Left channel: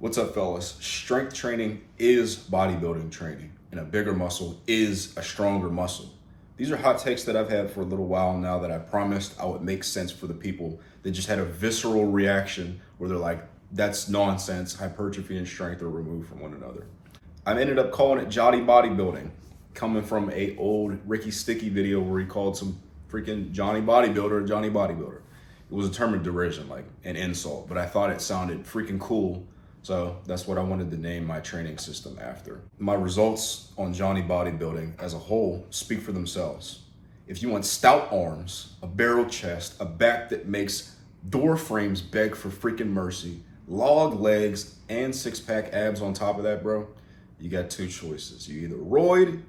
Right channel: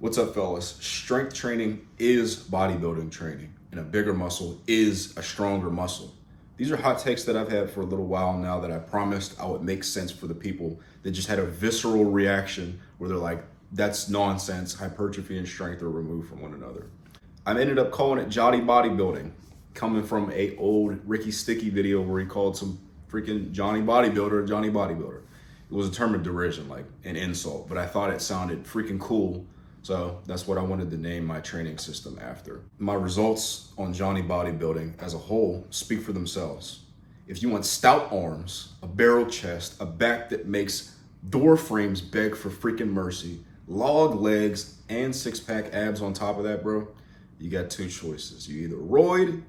What's up, fellas? Strength training is bodybuilding training, and a bigger muscle is a stronger muscle. These are hot takes that I've had for a little while now that I promised I would make sense for the people that just had a visceral reaction where they're like, that's nonsense. Hypertrophy and strength are removed from one another. I ended up calling it Jolly Bodybuilding, coming from a old Ricky Sticky video where he called some freaking Johnny Bodybuilder Johnny Bodybuilder. It was a term of derision, like an insult, but I thought it sounded freaking cool. So that's what I wanted to name my training system after. My results on Johnny Bodybuilding as a whole speak for themselves. If you want stout arms, a barrel chest, a back that makes door frames beg for freaking mercy, log legs, and six-pack abs on top of that, bro, you got two choices. You either roid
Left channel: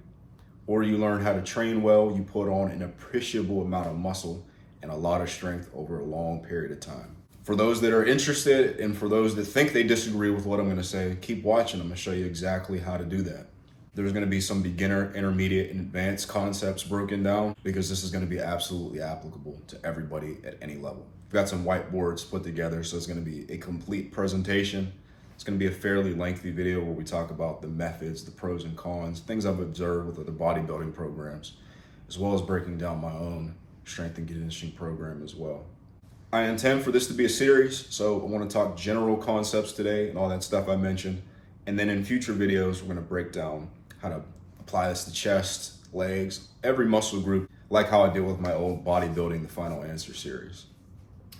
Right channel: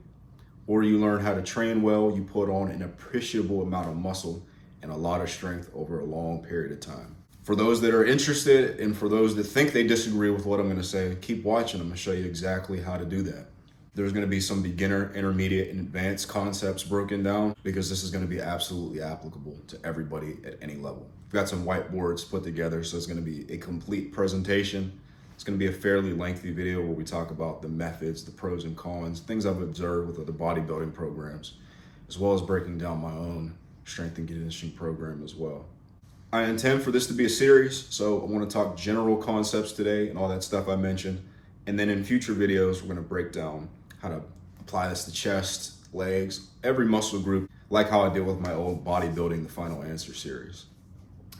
or you learn how to train well. You put on an appreciable amount of muscle and a lot of strength over a long period of time. For those that are interested and for those that think they disagree with what I'm gonna say, keep watching. I'm gonna show you exactly how to do that. There's gonna be some beginner, intermediate, and advanced concepts broken down because this is gonna be absolutely applicable to everybody at any level. We've got some whiteboards put together, so it's gonna be a complete presentation. It's gonna be a fairly lengthy video where we talk about the methods, the pros and cons, things I've observed with other bodybuilding programs, as well as breaking down my own strength and conditioning program as well. I intend for this to be a series, so I want to talk general concepts today and all that stuff I mentioned. And then in future videos, we're going to break down how to apply this to chest, legs, every muscle group, like how I did with my old bodybuilding, the final answer series.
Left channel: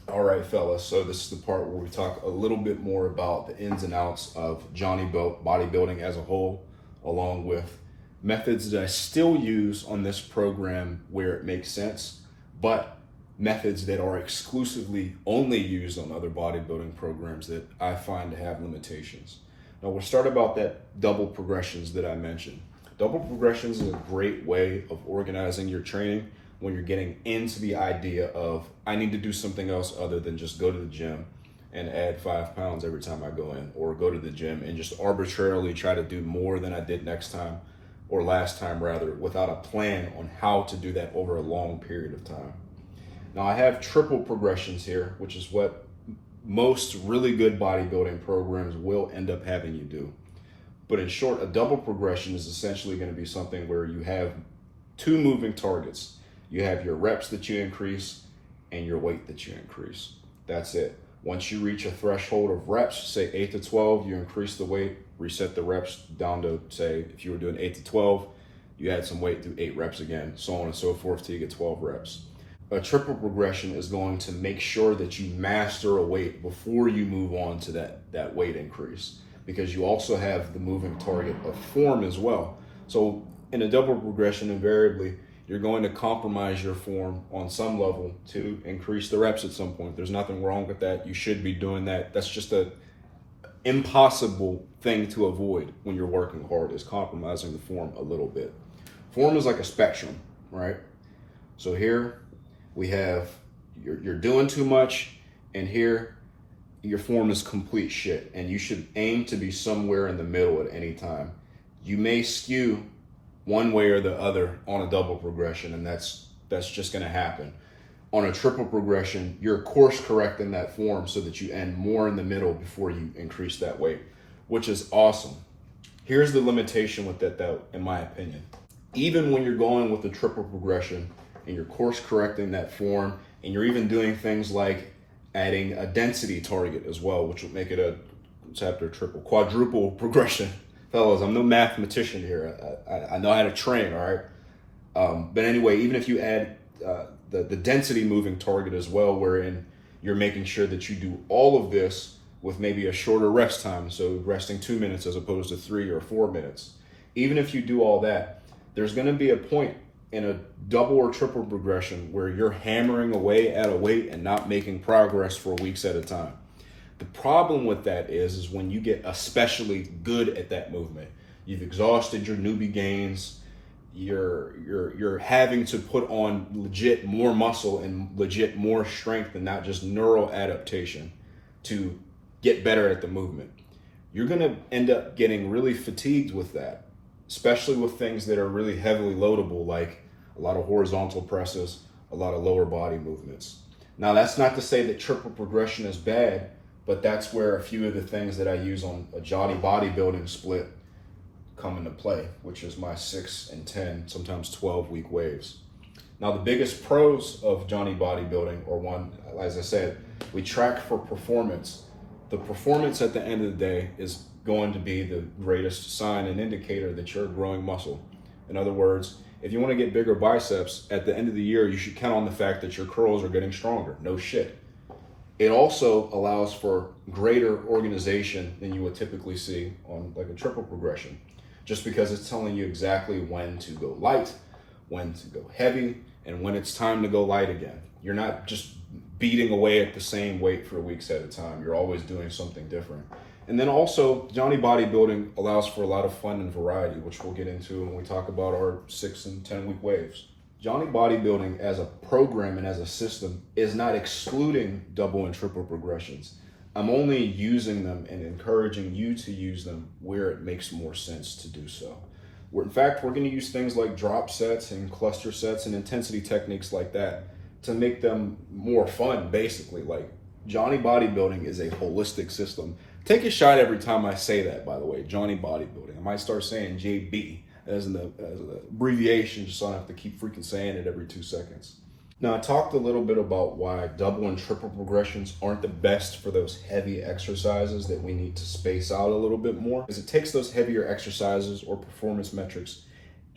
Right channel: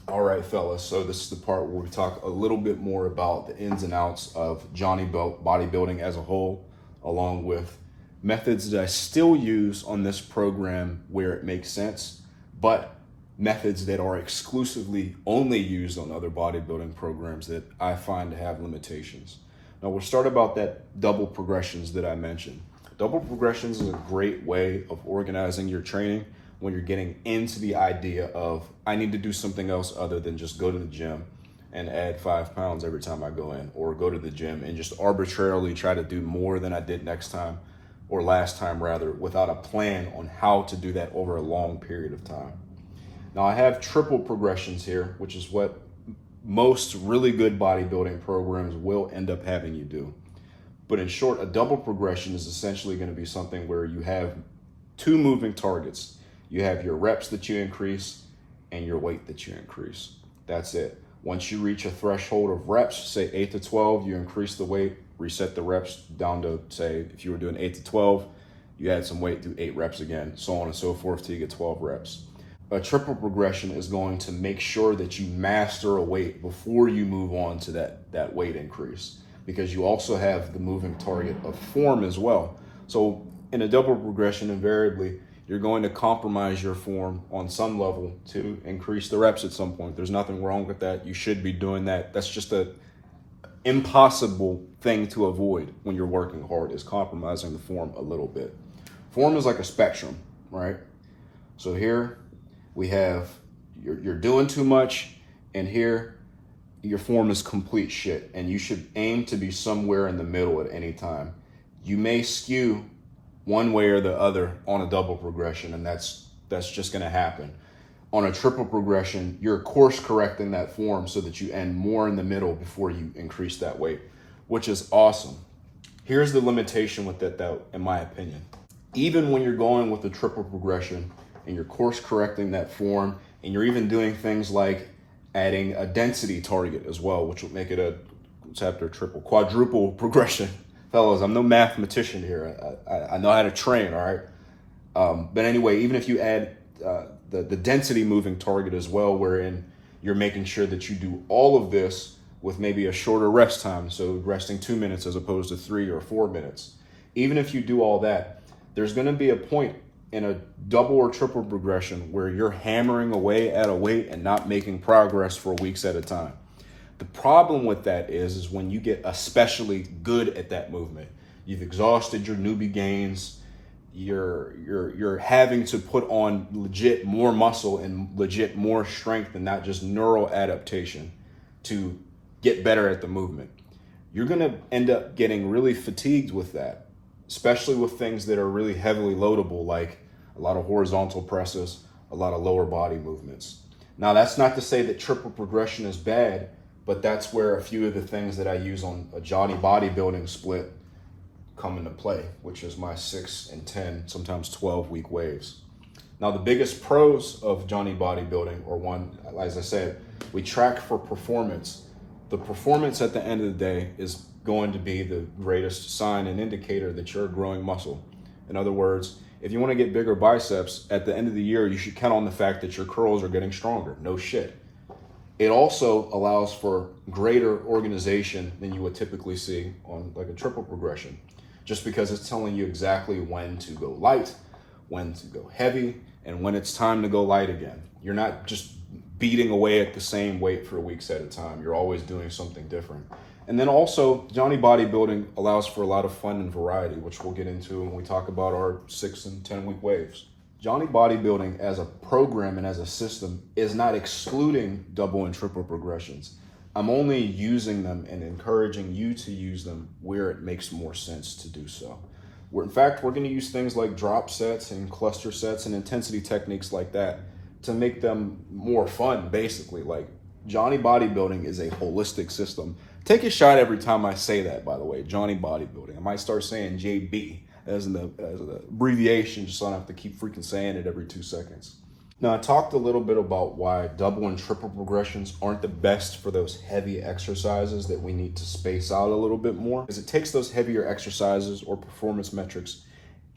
All right, fellas, so this is the part where we talk a little bit more about the ins and outs of Johnny bodybuilding as a whole, along with methods that I still use on this program where it makes sense, but methods that are exclusively only used on other bodybuilding programs that I find to have limitations. Now we'll start about that double progressions that I mentioned. Double progressions is a great way of organizing your training when you're getting into the idea of, I need to do something else other than just go to the gym and add 5 pounds every time I go in, or go to the gym and just arbitrarily try to do more than I did next time, or last time rather, without a plan on how to do that over a long period of time. Now I have triple progressions here, which is what most really good bodybuilding programs will end up having you do. But in short, a double progression is essentially going to be something where you have two moving targets. You have your reps that you increase and your weight that you increase. That's it. Once you reach a threshold of reps, say 8 to 12, you increase the weight, reset the reps down to, say, if you were doing 8 to 12, you add some weight, do 8 reps again, so on and so forth till you get 12 reps. A triple progression is going to make sure that you master a weight before you move on to that weight increase, because you also have the moving target of form as well. So in a double progression, invariably, you're going to compromise your form on some level to increase the reps at some point. There's nothing wrong with that. You should be doing that. That's just an impossible thing to avoid when you're working hard, is compromising the form a little bit. Form is like a spectrum, right? So here, we have, you're doing too much, and here your form is complete shit, and you should aim to be somewhere in the middle at any time. You may skew one way or the other on a double progression, and that's just going to happen. On a triple progression, you're course correcting that form so that you end more in the middle before you increase that weight, which is awesome. Here's the limitation with that though, in my opinion. Even when you're going with the triple progression, and you're course correcting that form, and you're even doing things like adding a density target as well, which will make it a quadruple progression. Fellas, I'm no mathematician here. I know how to train, all right? But anyway, even if you add the density moving target as well, wherein you're making sure that you do all of this with maybe a shorter rest time, so resting 2 minutes as opposed to 3 or 4 minutes. Even if you do all that, there's gonna be a point in a double or triple progression where you're hammering away at a weight and not making progress for weeks at a time. The problem with that is when you get especially good at that movement, you've exhausted your newbie gains, you're having to put on legit more muscle and legit more strength and not just neural adaptation to get better at the movement. You're gonna end up getting really fatigued with that, especially with things that are really heavily loadable, like a lot of horizontal presses, a lot of lower body movements. Now, that's not to say that triple progression is bad, but that's where a few of the things that I use on a Johnny bodybuilding split come into play, which is my 6 and 10, sometimes 12-week waves. Now, the biggest pros of Johnny bodybuilding, or one, as I said, we track for performance. The performance at the end of the day is going to be the greatest sign and indicator that you're growing muscle. In other words, if you want to get bigger biceps, at the end of the year, you should count on the fact that your curls are getting stronger. No shit. It also allows for greater organization than you would typically see on like a triple progression, just because it's telling you exactly when to go light, when to go heavy, and when it's time to go light again. You're not just beating away at the same weight for weeks at a time. You're always doing something different. And then also, Johnny bodybuilding allows for a lot of fun and variety, which we'll get into when we talk about our 6 and 10 week waves. Johnny bodybuilding as a program and as a system is not excluding double and triple progressions. I'm only using them and encouraging you to use them where it makes more sense to do so. In fact, we're going to use things like drop sets and cluster sets and intensity techniques like that to make them more fun, basically. Like, Johnny bodybuilding is a holistic system. Take a shot every time I say that, by the way, Johnny bodybuilding. I might start saying JB as an abbreviation, just so I don't have to keep freaking saying it every 2 seconds. Now, I talked a little bit about why double and triple progressions aren't the best for those heavy exercises that we need to space out a little bit more, is it takes those heavier exercises or performance metrics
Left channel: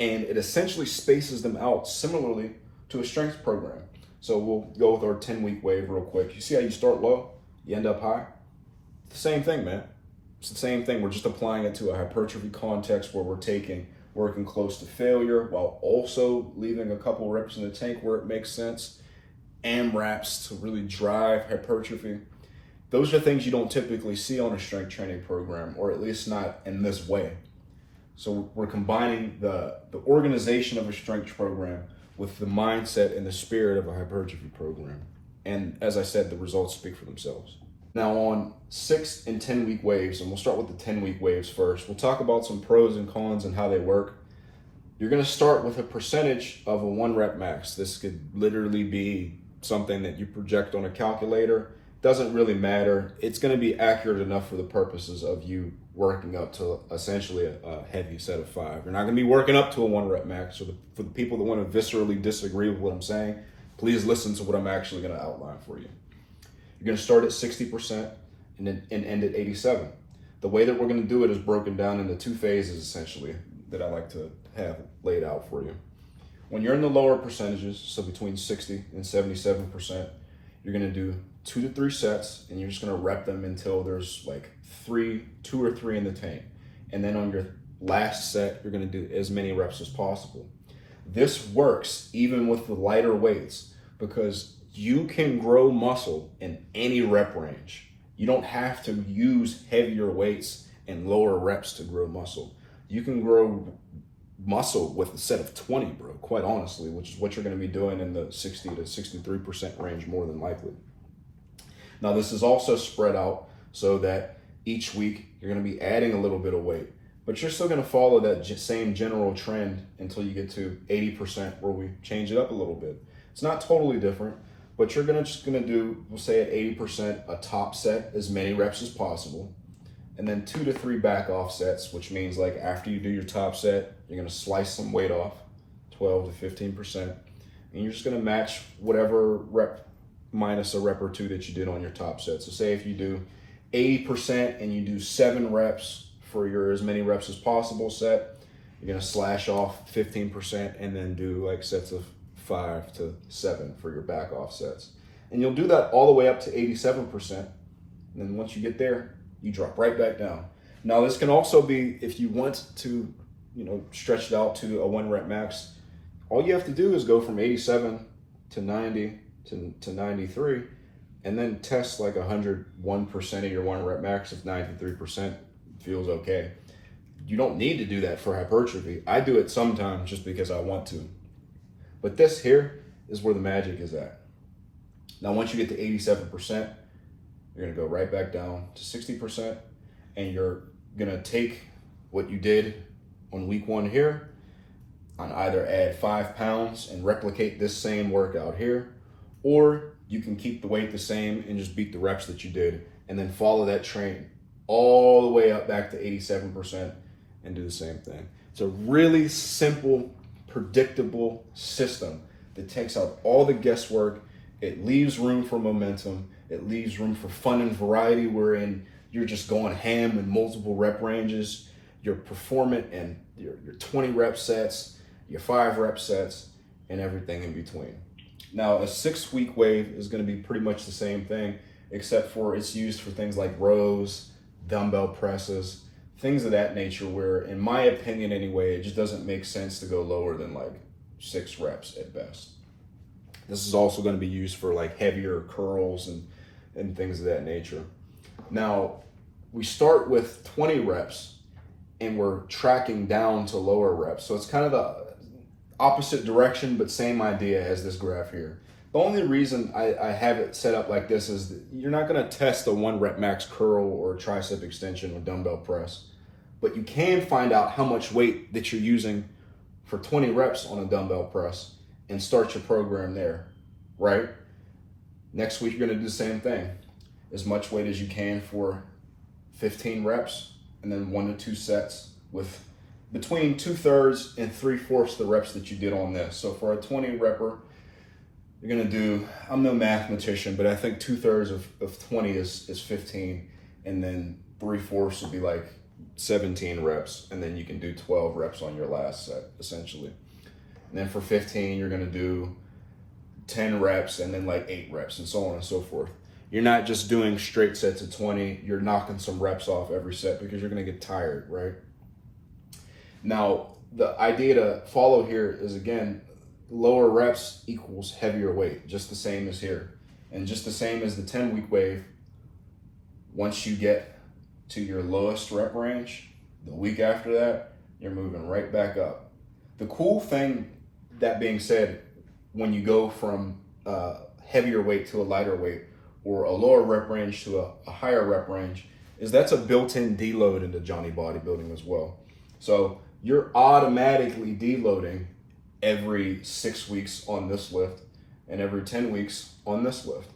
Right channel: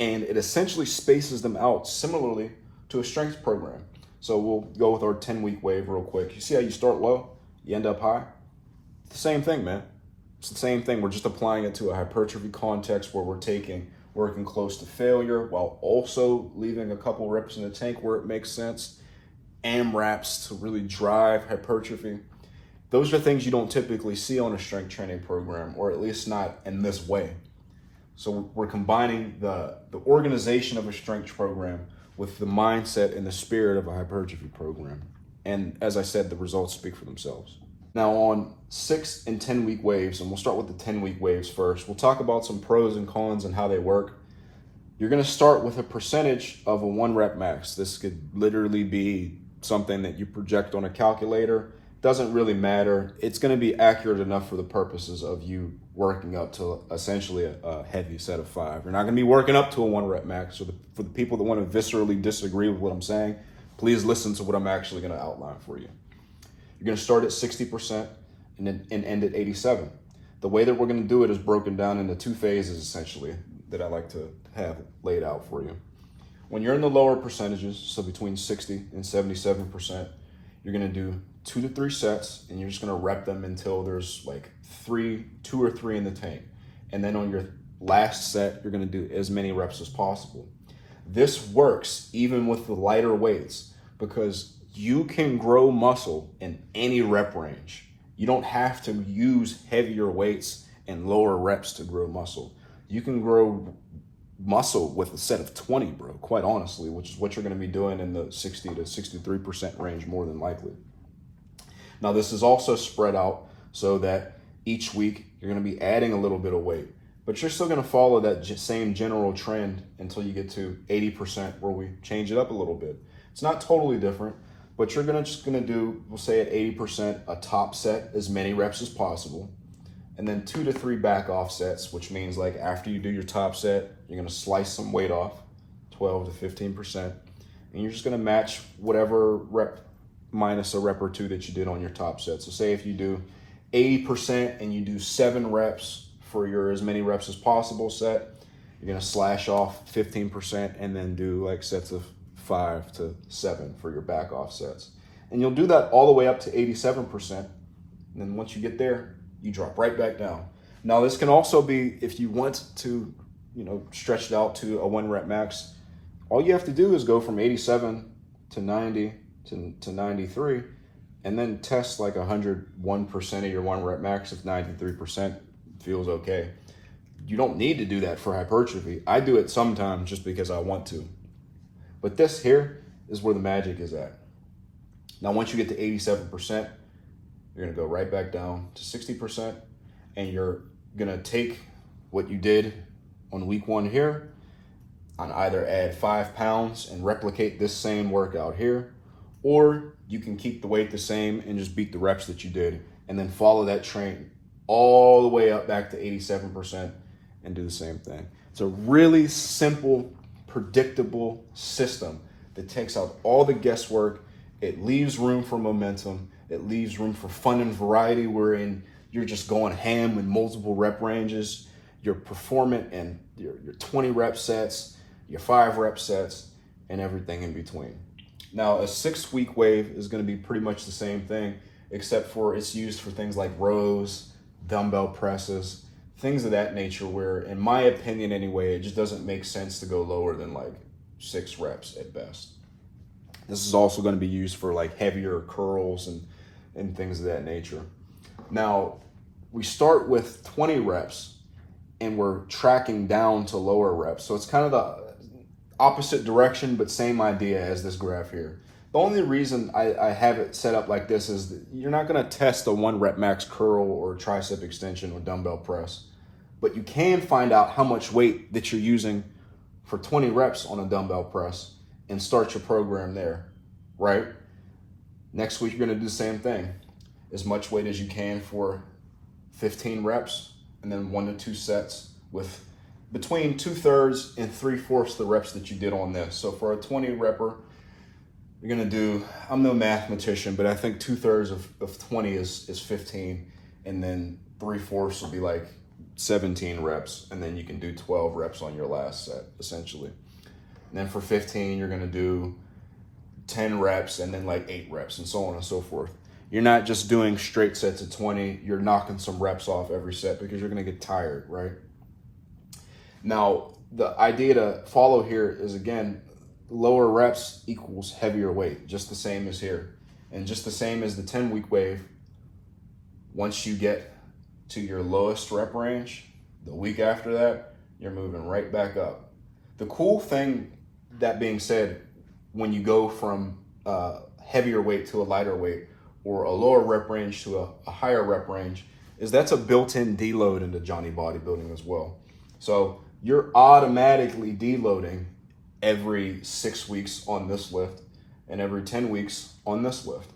and it essentially spaces them out similarly to a strength program. So we'll go with our 10-week wave real quick. You see how you start low, you end up high? It's the same thing, man. It's the same thing. We're just applying it to a hypertrophy context where we're working close to failure while also leaving a couple reps in the tank where it makes sense. AMRAPs to really drive hypertrophy. Those are things you don't typically see on a strength training program, or at least not in this way. So we're combining the organization of a strength program with the mindset and the spirit of a hypertrophy program. And as I said, the results speak for themselves. Now, on 6 and 10 week waves, and we'll start with the 10-week waves first, we'll talk about some pros and cons and how they work. You're going to start with a percentage of a 1 rep max. This could literally be something that you project on a calculator. Doesn't really matter. It's going to be accurate enough for the purposes of you working up to essentially a heavy set of 5. You're not going to be working up to a 1 rep max. So for the people that want to viscerally disagree with what I'm saying, please listen to what I'm actually going to outline for you. You're going to start at 60% and end at 87. The way that we're going to do it is broken down into 2 phases, essentially, that I like to have laid out for you. When you're in the lower percentages, so between 60 and 77%, you're going to do 2 to 3 sets, and you're just going to rep them until there's like 2 or 3 in the tank. And then on your last set, you're going to do as many reps as possible. This works even with the lighter weights because you can grow muscle in any rep range. You don't have to use heavier weights and lower reps to grow muscle. You can grow muscle with a set of 20, bro, quite honestly, which is what you're going to be doing in the 60 to 63% range more than likely. Now, this is also spread out so that each week you're going to be adding a little bit of weight, but you're still going to follow that same general trend until you get to 80% where we change it up a little bit. It's not totally different, but you're just going to do, we'll say at 80%, a top set, as many reps as possible, and then 2 to 3 back off sets, which means like after you do your top set, you're going to slice some weight off, 12 to 15%, and you're just going to match whatever rep minus a rep or 2 that you did on your top set. So say if you do 80% and you do 7 reps for your as many reps as possible set, you're going to slash off 15% and then do like sets of 5 to 7 for your back off sets. And you'll do that all the way up to 87%. And then once you get there, you drop right back down. Now, this can also be, if you want to, stretch it out to a 1 rep max, all you have to do is go from 87 to 90 to 93, and then test like 101% of your 1 rep max if 93% feels okay. You don't need to do that for hypertrophy. I do it sometimes just because I want to. But this here is where the magic is at. Now, once you get to 87%, you're gonna go right back down to 60%, and you're gonna take what you did on week 1 here, and either add 5 pounds and replicate this same workout here, or you can keep the weight the same and just beat the reps that you did and then follow that train all the way up back to 87% and do the same thing. It's a really simple, predictable system that takes out all the guesswork. It leaves room for momentum. It leaves room for fun and variety, wherein you're just going ham in multiple rep ranges. You're performing in your 20 rep sets, your 5 rep sets, and everything in between. Now, a 6-week wave is going to be pretty much the same thing, except for it's used for things like rows, dumbbell presses, things of that nature, where, in my opinion anyway, it just doesn't make sense to go lower than like 6 reps at best. This is also going to be used for like heavier curls and things of that nature. Now, we start with 20 reps and we're tracking down to lower reps. So it's kind of the opposite direction, but same idea as this graph here. The only reason I have it set up like this is that you're not going to test a 1 rep max curl or tricep extension or dumbbell press, but you can find out how much weight that you're using for 20 reps on a dumbbell press and start your program there, right? Next week, you're going to do the same thing. As much weight as you can for 15 reps, and then 1 to 2 sets with between 2/3 and 3/4 the reps that you did on this. So for a 20 repper, you're gonna do, I'm no mathematician, but I think 2/3 of 20 is 15, and then 3/4 will be like 17 reps, and then you can do 12 reps on your last set, essentially. And then for 15, you're gonna do 10 reps, and then like 8 reps, and so on and so forth. You're not just doing straight sets of 20, you're knocking some reps off every set because you're gonna get tired, right? Now, the idea to follow here is, again, lower reps equals heavier weight, just the same as here. And just the same as the 10-week wave, once you get to your lowest rep range, the week after that, you're moving right back up. The cool thing, that being said, when you go from heavier weight to a lighter weight, or a lower rep range to a higher rep range, is that's a built-in deload into Johnny Bodybuilding as well. So you're automatically deloading every 6 weeks on this lift and every 10 weeks on this lift.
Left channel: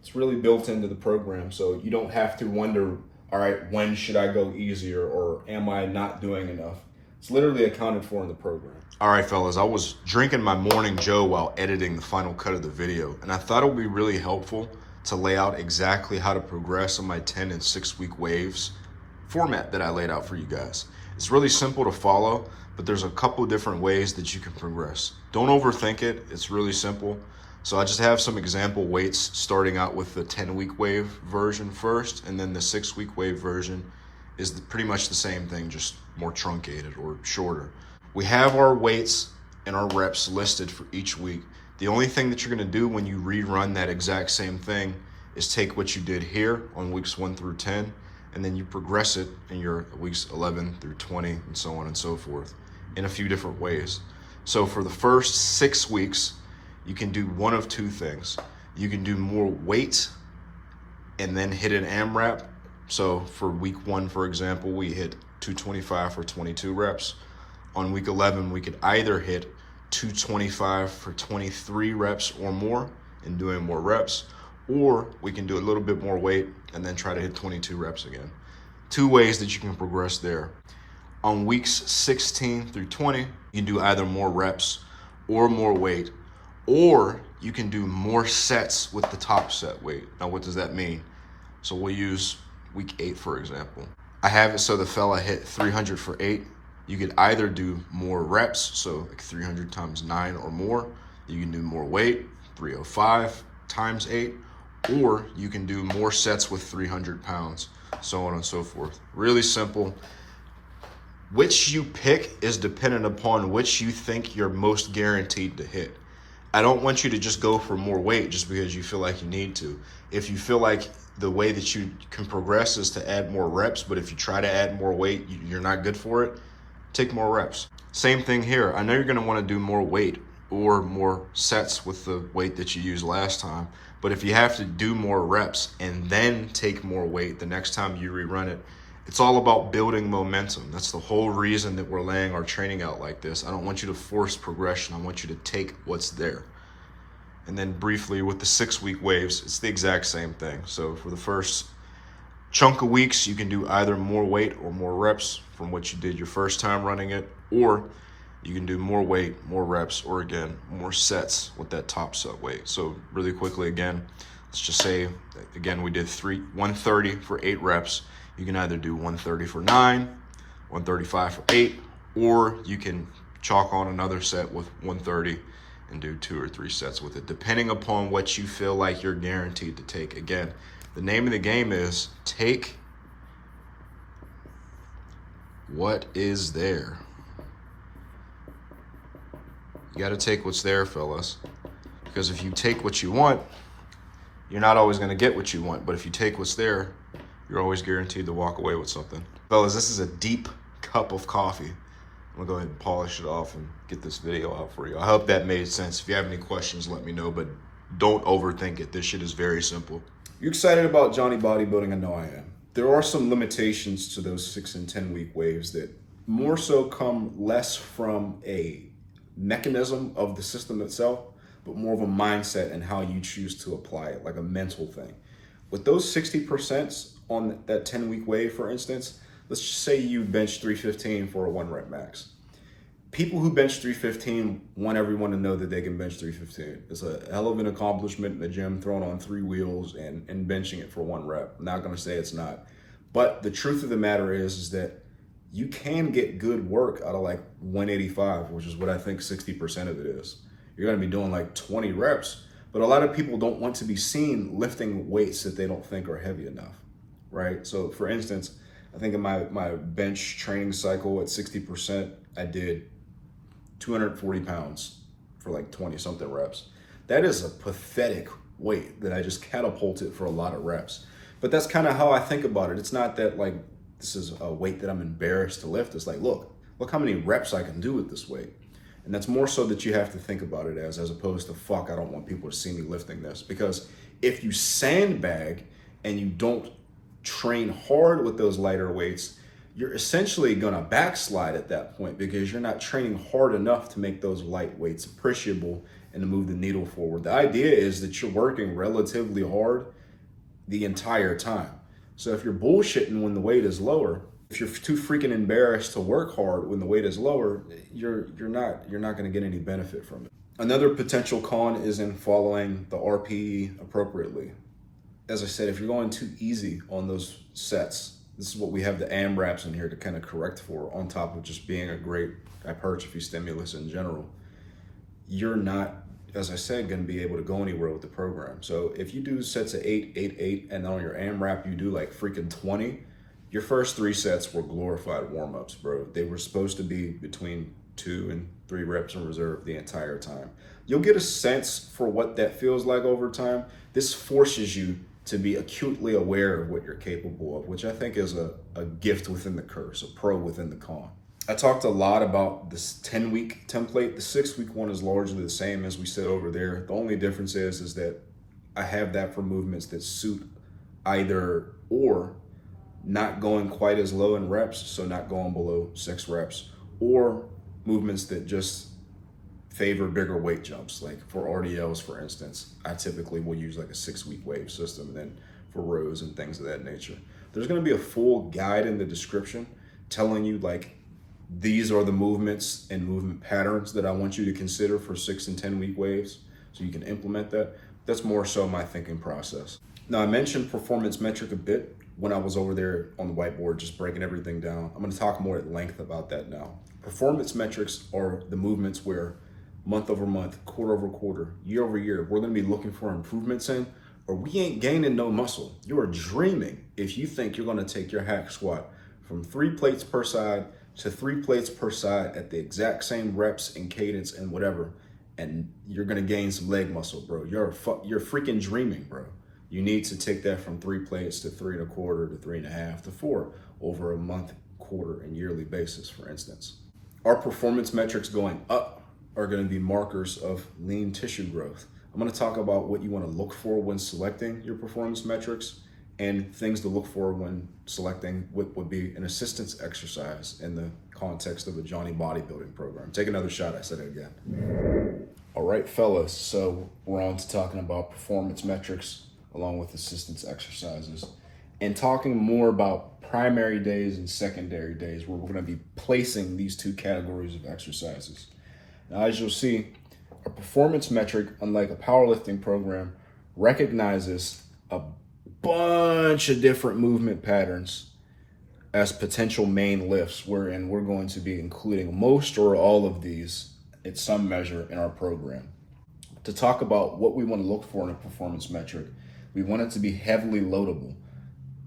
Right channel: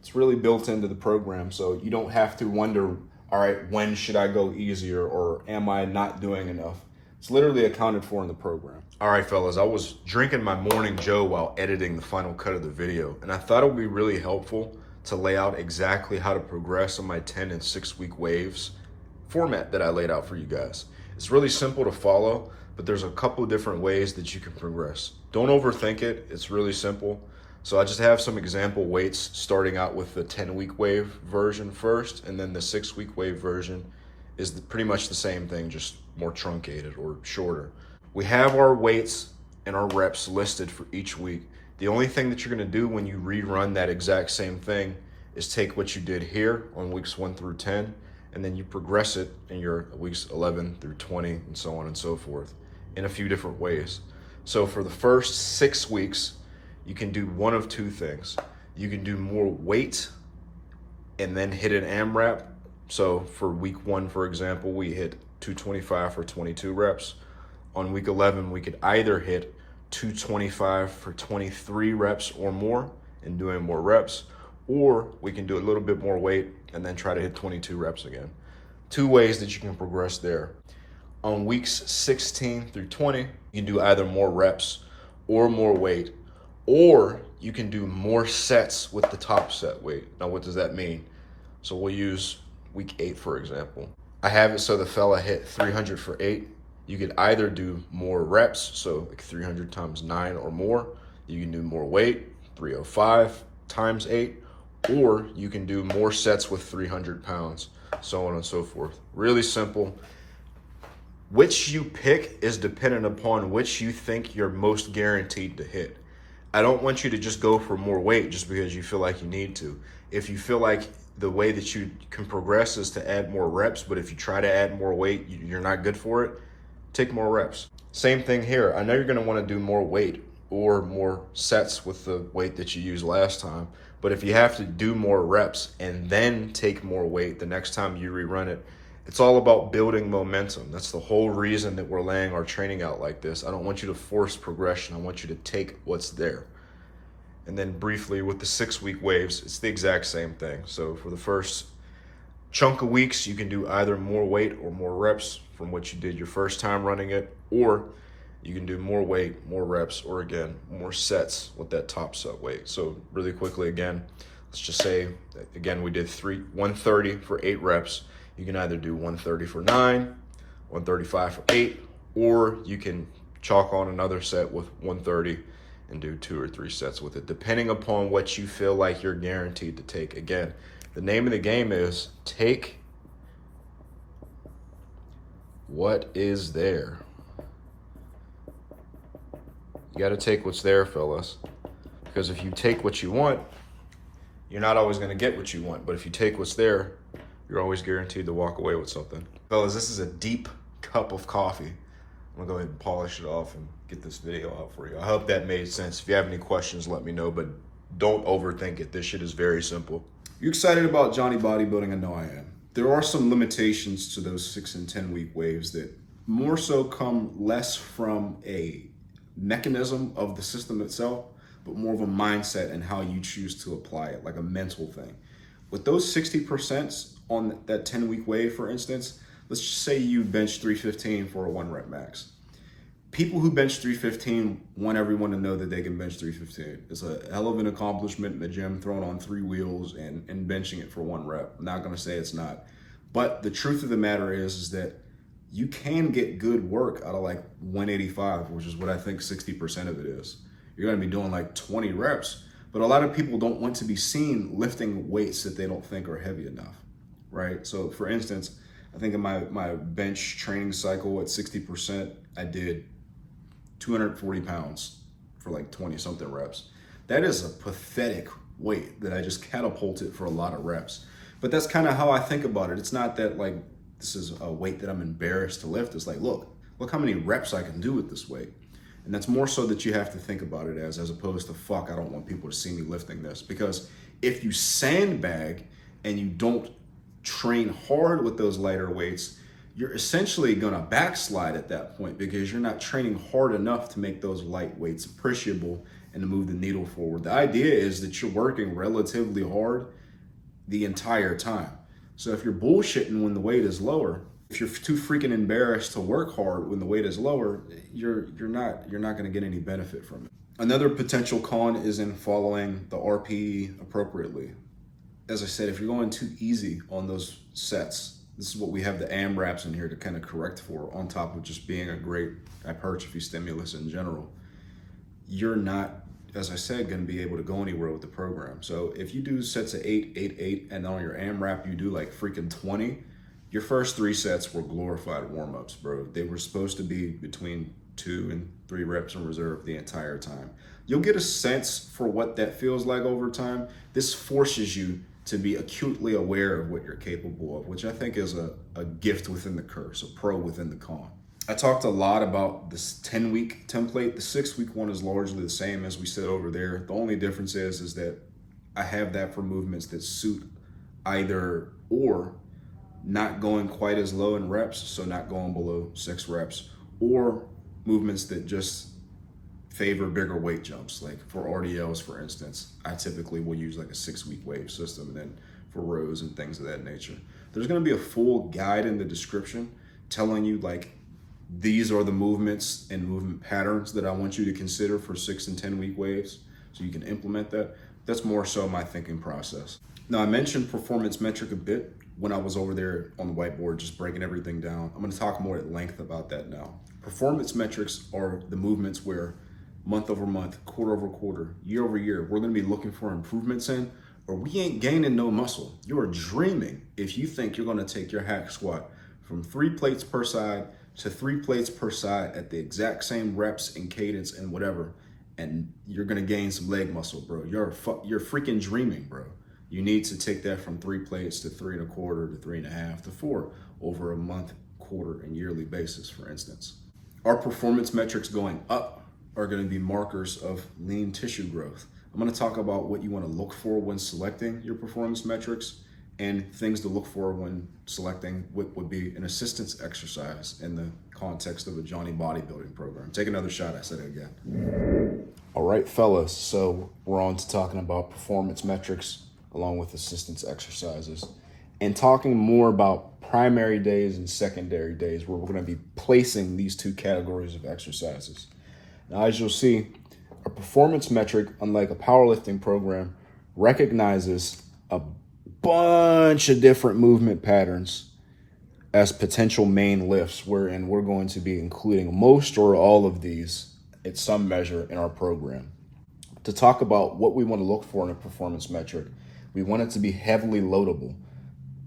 It's really built into the program, so you don't have to wonder, all right, when should I go easier, or am I not doing enough? It's literally accounted for in the program. All right, fellas, I was drinking my morning Joe while editing the final cut of the video, and I thought it would be really helpful to lay out exactly how to progress on my 10 and 6 week waves format that I laid out for you guys. It's really simple to follow, but there's a couple different ways that you can progress. Don't overthink it, it's really simple. So I just have some example weights, starting out with the 10-week wave version first, and then the 6-week wave version is pretty much the same thing, just more truncated or shorter. We have our weights and our reps listed for each week. The only thing that you're gonna do when you rerun that exact same thing is take what you did here on weeks 1 through 10, and then you progress it in your weeks 11 through 20, and so on and so forth, in a few different ways. So for the first 6 weeks, you can do one of two things. You can do more weight and then hit an AMRAP. So for week 1, for example, we hit 225 for 22 reps. On week 11, we could either hit 225 for 23 reps or more and doing more reps, or we can do a little bit more weight and then try to hit 22 reps again. 2 ways that you can progress there. On weeks 16 through 20, you can do either more reps or more weight, or you can do more sets with the top set weight. Now, what does that mean? So we'll use week 8, for example. I have it so the fella hit 300 for 8. You could either do more reps, so like 300 times 9 or more. You can do more weight, 305 times 8, or you can do more sets with 300 pounds, so on and so forth. Really simple. Which you pick is dependent upon which you think you're most guaranteed to hit. I don't want you to just go for more weight just because you feel like you need to. If you feel like the way that you can progress is to add more reps, but if you try to add more weight, you're not good for it, take more reps. Same thing here. I know you're gonna wanna do more weight or more sets with the weight that you used last time, but if you have to do more reps and then take more weight the next time you rerun it, it's all about building momentum. That's the whole reason that we're laying our training out like this. I don't want you to force progression. I want you to take what's there. And then briefly with the 6-week waves, it's the exact same thing. So for the first chunk of weeks, you can do either more weight or more reps from what you did your first time running it, or you can do more weight, more reps, or again, more sets with that top set weight. So really quickly again, let's just say, again, we did 130 for 8 reps. You can either do 130 for 9, 135 for 8, or you can chalk on another set with 130 and do 2 or 3 sets with it, depending upon what you feel like you're guaranteed to take. Again, the name of the game is take what is there. You got to take what's there, fellas, because if you take what you want, you're not always going to get what you want. But if you take what's there, you're always guaranteed to walk away with something. Fellas, this is a deep cup of coffee. I'm gonna go ahead and polish it off and get this video out for you. I hope that made sense. If you have any questions, let me know, but don't overthink it. This shit is very simple. You excited about Johnny Bodybuilding? I know I am. There are some limitations to those 6 and 10 week waves that more so come less from a mechanism of the system itself, but more of a mindset and how you choose to apply it, like a mental thing. With those 60% on that 10 week wave, for instance, let's just say you bench 315 for a 1 rep max. People who bench 315 want everyone to know that they can bench 315. It's a hell of an accomplishment in the gym, throwing on 3 wheels and benching it for 1 rep. I'm not gonna say it's not. But the truth of the matter is that you can get good work out of like 185, which is what I think 60% of it is. You're gonna be doing like 20 reps, but a lot of people don't want to be seen lifting weights that they don't think are heavy enough, right? So for instance, I think in my bench training cycle at 60%, I did 240 pounds for like 20 something reps. That is a pathetic weight that I just catapulted for a lot of reps. But that's kind of how I think about it. It's not that like this is a weight that I'm embarrassed to lift. It's like, look how many reps I can do with this weight. And that's more so that you have to think about it as opposed to, fuck, I don't want people to see me lifting this. Because if you sandbag and you don't train hard with those lighter weights, you're essentially gonna backslide at that point because you're not training hard enough to make those light weights appreciable and to move the needle forward. The idea is that you're working relatively hard the entire time. So if you're bullshitting when the weight is lower, if you're too freaking embarrassed to work hard when the weight is lower, you're not gonna get any benefit from it. Another potential con is in following the RPE appropriately. As I said, if you're going too easy on those sets, this is what we have the AMRAPs in here to kind of correct for, on top of just being a great hypertrophy stimulus in general. You're not, as I said, going to be able to go anywhere with the program. So if you do sets of 8, 8, 8, and on your AMRAP you do like freaking 20, your first 3 sets were glorified warm-ups, bro. They were supposed to be between 2 and 3 reps in reserve the entire time. You'll get a sense for what that feels like over time. This forces you to be acutely aware of what you're capable of, which I think is a gift within the curse, a pro within the con. I talked a lot about this 10-week template. The 6-week one is largely the same as we said over there. The only difference is that I have that for movements that suit either or, not going quite as low in reps, so not going below 6 reps, or movements that just favor bigger weight jumps. Like for RDLs, for instance, I typically will use like a 6-week wave system, and then for rows and things of that nature. There's gonna be a full guide in the description telling you like, these are the movements and movement patterns that I want you to consider for 6 and 10 week waves, so you can implement that. That's more so my thinking process. Now, I mentioned performance metric a bit when I was over there on the whiteboard, just breaking everything down. I'm gonna talk more at length about that now. Performance metrics are the movements where month over month, quarter over quarter, year over year, we're gonna be looking for improvements in, or we ain't gaining no muscle. You are dreaming if you think you're gonna take your hack squat from 3 plates per side to 3 plates per side at the exact same reps and cadence and whatever, and you're gonna gain some leg muscle, bro. You're freaking dreaming, bro. You need to take that from 3 plates to 3 1/4 to 3 1/2 to 4 over a month, quarter, and yearly basis, for instance. Our performance metrics going up are going to be markers of lean tissue growth. I'm going to talk about what you want to look for when selecting your performance metrics and things to look for when selecting what would be an assistance exercise in the context of a Johnny bodybuilding program. Take another shot, I said it again. All right, fellas, so we're on to talking about performance metrics along with assistance exercises. and talking more about primary days and secondary days, where we're going to be placing these two categories of exercises. Now, as you'll see, a performance metric, unlike a powerlifting program, recognizes a bunch of different movement patterns as potential main lifts, wherein we're going to be including most or all of these at some measure in our program. To talk about what we want to look for in a performance metric, we want it to be heavily loadable.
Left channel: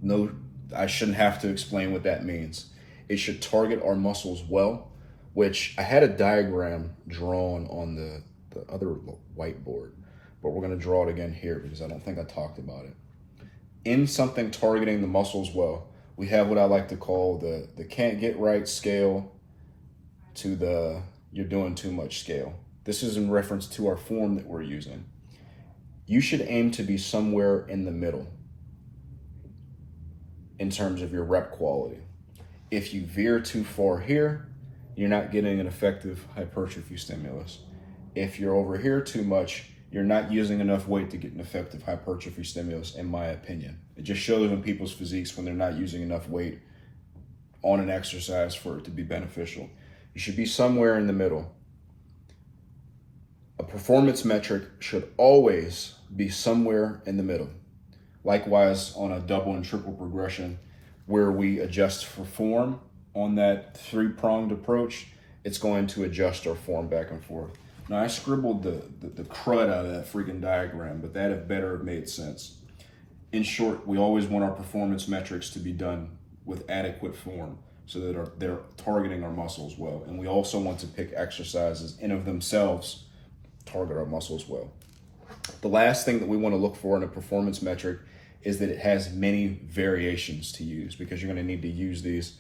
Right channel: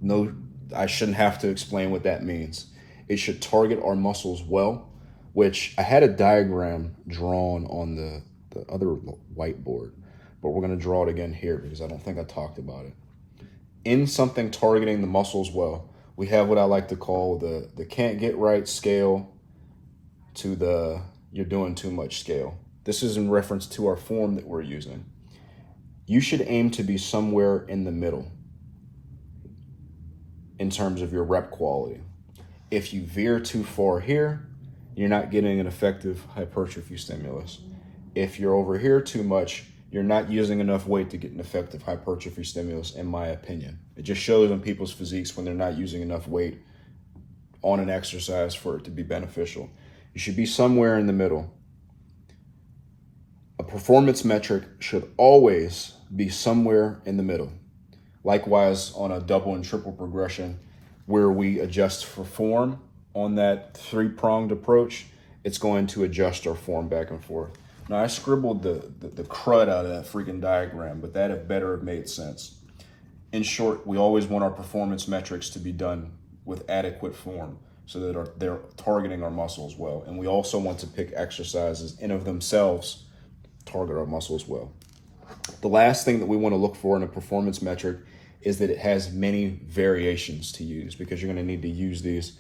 No, I shouldn't have to explain what that means. It should target our muscles well, which I had a diagram drawn on the other whiteboard, but we're going to draw it again here because I don't think I talked about it. In something targeting the muscles well, we have what I like to call the can't get right scale to the you're doing too much scale. This is in reference to our form that we're using. You should aim to be somewhere in the middle in terms of your rep quality. If you veer too far here, you're not getting an effective hypertrophy stimulus. If you're over here too much, you're not using enough weight to get an effective hypertrophy stimulus, in my opinion. It just shows in people's physiques when they're not using enough weight on an exercise for it to be beneficial. You should be somewhere in the middle. A performance metric should always be somewhere in the middle. Likewise, on a double and triple progression, where we adjust for form on that three-pronged approach, it's going to adjust our form back and forth. Now, I scribbled the crud out of that freaking diagram, but that had better have made sense. In short, we always want our performance metrics to be done with adequate form so that they're targeting our muscles well. And we also want to pick exercises in of themselves target our muscles well. The last thing that we want to look for in a performance metric is that it has many variations to use, because you're going to need to use these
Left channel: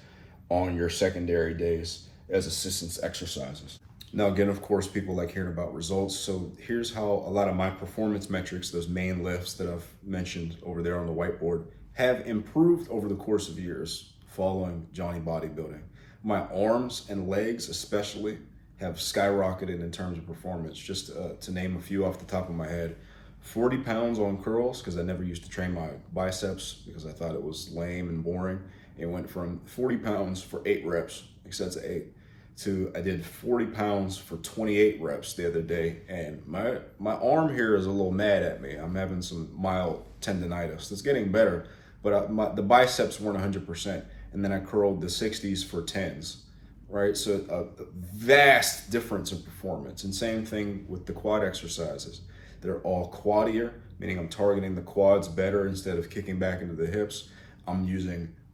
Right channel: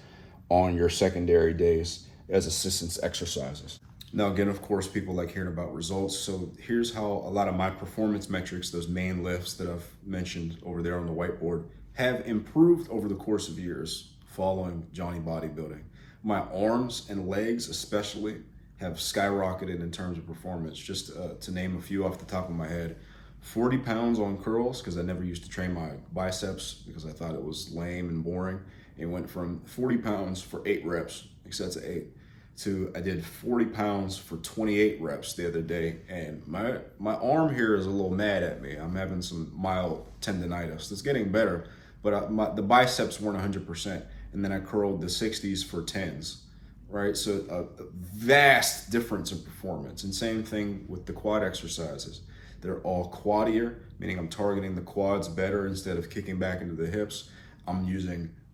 on your secondary days as assistance exercises. Now, again, of course, people like hearing about results. So here's how a lot of my performance metrics, those main lifts that I've mentioned over there on the whiteboard, have improved over the course of years following Johnny Bodybuilding. My arms and legs especially have skyrocketed in terms of performance. Just to name a few off the top of my head, 40 pounds on curls, because I never used to train my biceps because I thought it was lame and boring. It went from 40 pounds for 8 reps, like sets of 8, to I did 40 pounds for 28 reps the other day. And my arm here is a little mad at me. I'm having some mild tendonitis. It's getting better, but the biceps weren't 100%. And then I curled the 60s for 10s. Right, so a vast difference in performance. And same thing with the quad exercises. They're all quadier, meaning I'm targeting the quads better instead of kicking back into the hips. I'm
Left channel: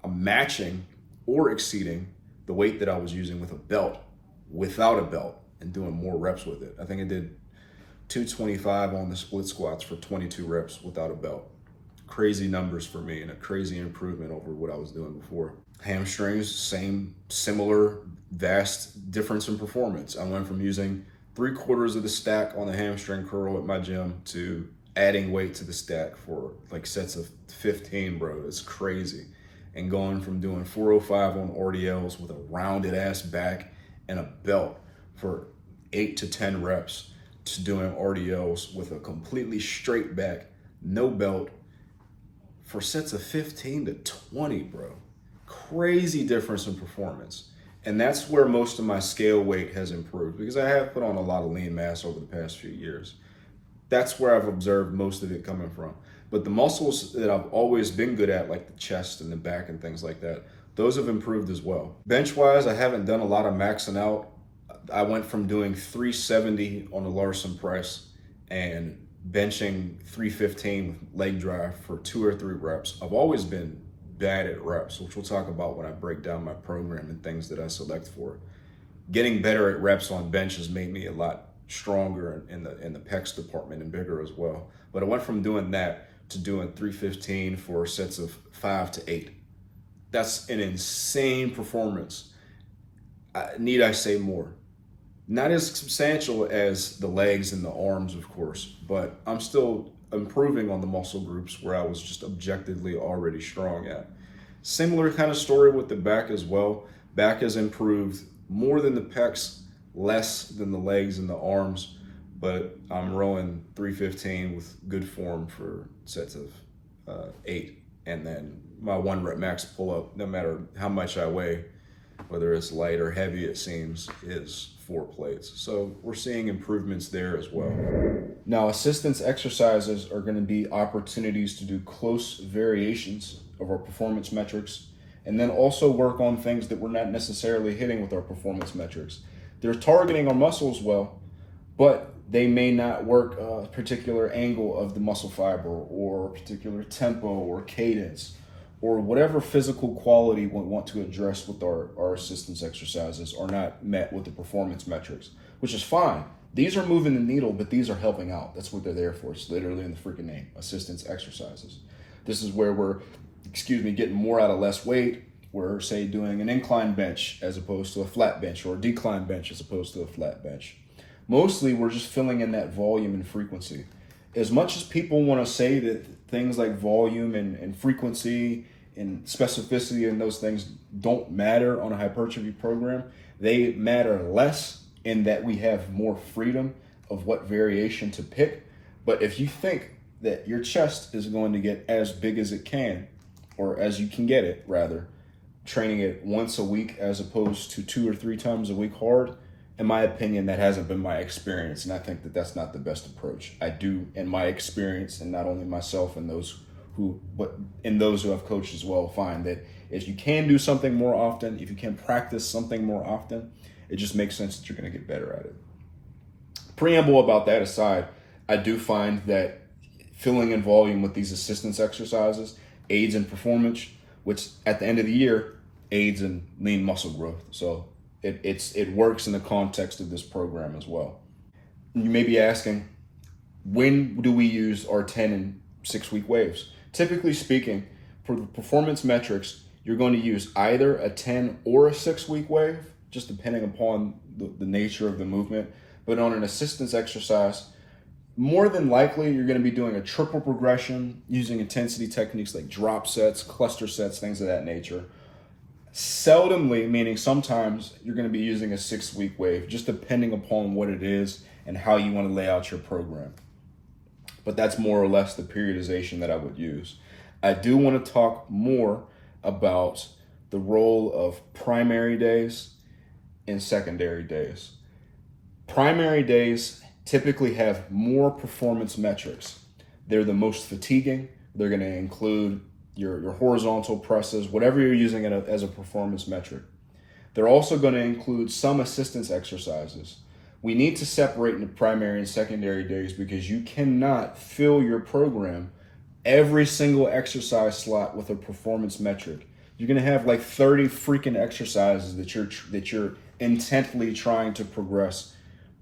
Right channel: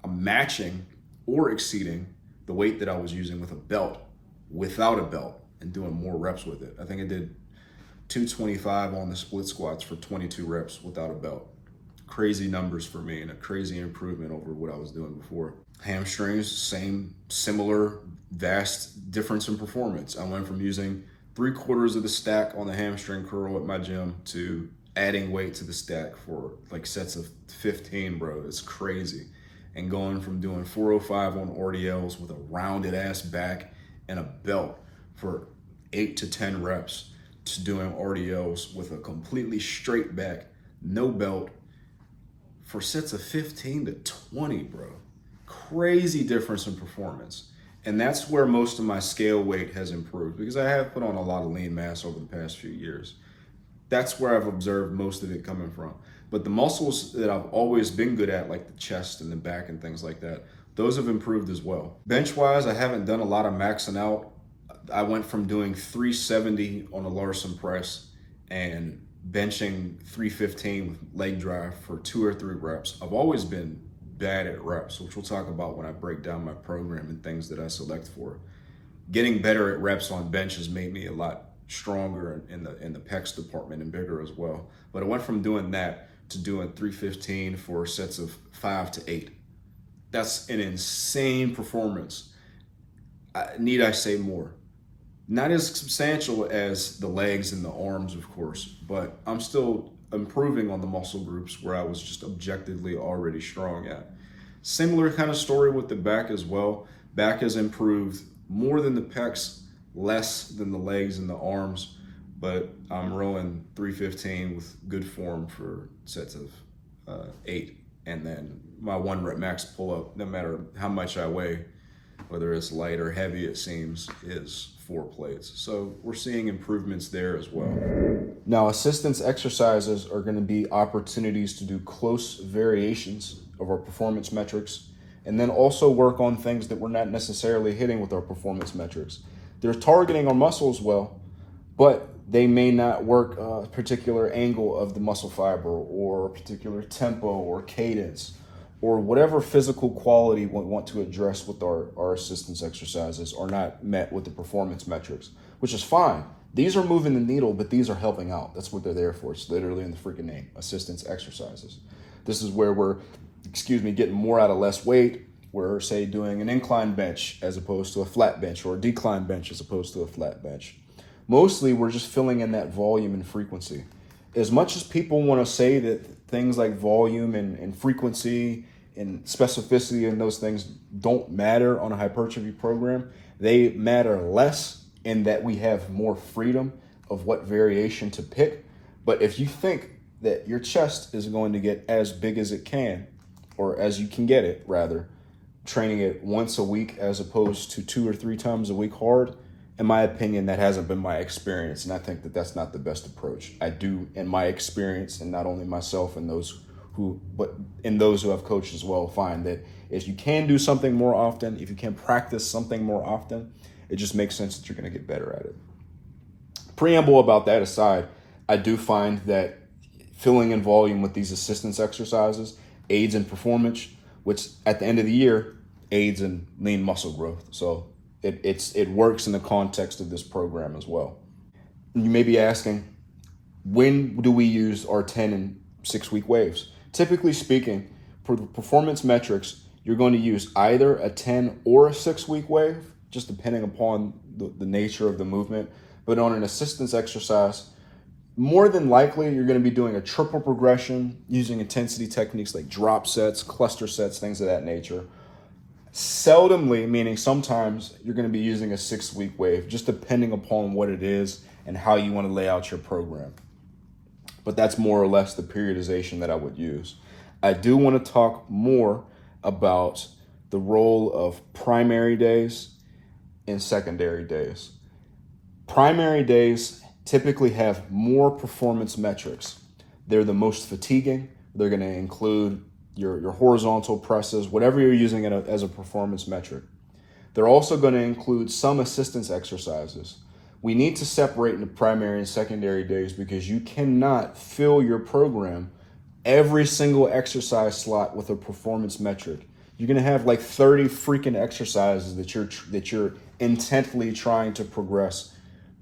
matching or exceeding the weight that I was using with a belt, without a belt, and doing more reps with it. I think I did 225 on the split squats for 22 reps without a belt. Crazy numbers for me and a crazy improvement over what I was doing before. Hamstrings, similar, vast difference in performance. I went from using 3/4 of the stack on the hamstring curl at my gym to adding weight to the stack for like sets of 15, bro. It's crazy. And going from doing 405 on RDLs with a rounded ass back and a belt for 8 to 10 reps to doing RDLs with a completely straight back, no belt, for sets of 15 to 20, bro. Crazy difference in performance. And that's where most of my scale weight has improved, because I have put on a lot of lean mass over the past few years. That's where I've observed most of it coming from. But the muscles that I've always been good at, like the chest and the back and things like that, those have improved as well. Bench-wise, I haven't done a lot of maxing out. I went from doing 370 on the Larson press and benching 315 with leg drive for 2 or 3 reps. I've always been bad at reps, which we'll talk about when I break down my program and things that I select for. Getting better at reps on bench has made me a lot stronger in the pecs department and bigger as well. But I went from doing that to doing 315 for sets of 5 to 8. That's an insane performance. Need I say more? Not as substantial as the legs and the arms, of course, but I'm still improving on the muscle groups where I was just objectively already strong at. Similar kind of story with the back as well. Back has improved more than the pecs, less than the legs and the arms, but I'm rowing 315 with good form for sets of 8. And then my 1 rep max pull up, no matter how much I weigh, whether it's light or heavy, it seems, is 4 plates. So we're seeing improvements there as well. Now, assistance exercises are going to be opportunities to do close variations of our performance metrics, and then also work on things that we're not necessarily hitting with our performance metrics. They're targeting our muscles well, but they may not work a particular angle of the muscle fiber or a particular tempo or cadence or whatever physical quality we want to address with our assistance exercises are not met with the performance metrics, which is fine. These are moving the needle, but these are helping out. That's what they're there for. It's literally in the freaking name, assistance exercises. This is where we're, getting more out of less weight. We're, say, doing an incline bench as opposed to a flat bench, or a decline bench as opposed to a flat bench. Mostly, we're just filling in that volume and frequency. As much as people want to say that things like volume and frequency and specificity and those things don't matter on a hypertrophy program, they matter less in that we have more freedom of what variation to pick. But if you think that your chest is going to get as big as it can, or as you can get it, rather, training it once a week as opposed to 2 or 3 times a week hard, in my opinion, that hasn't been my experience. And I think that that's not the best approach. I do, in my experience, and not only myself and those who have coached as well, find that if you can do something more often, if you can practice something more often, it just makes sense that you're going to get better at it. Preamble about that aside, I do find that filling in volume with these assistance exercises aids in performance, which at the end of the year aids in lean muscle growth. So it works in the context of this program as well. You may be asking, when do we use our 10 and 6 week waves? Typically speaking, for the performance metrics, you're going to use either a 10 or a 6 week wave, just depending upon the nature of the movement. But on an assistance exercise, more than likely, you're going to be doing a triple progression using intensity techniques like drop sets, cluster sets, things of that nature. Seldomly, meaning sometimes, you're going to be using a 6 week wave, just depending upon what it is and how you want to lay out your program. But that's more or less the periodization that I would use. I do want to talk more about the role of primary days and secondary days. Primary days typically have more performance metrics. They're the most fatiguing. They're going to include your horizontal presses, whatever you're using as a performance metric. They're also going to include some assistance exercises. We need to separate into primary and secondary days because you cannot fill your program every single exercise slot with a performance metric. You're going to have like 30 freaking exercises that you're intently trying to progress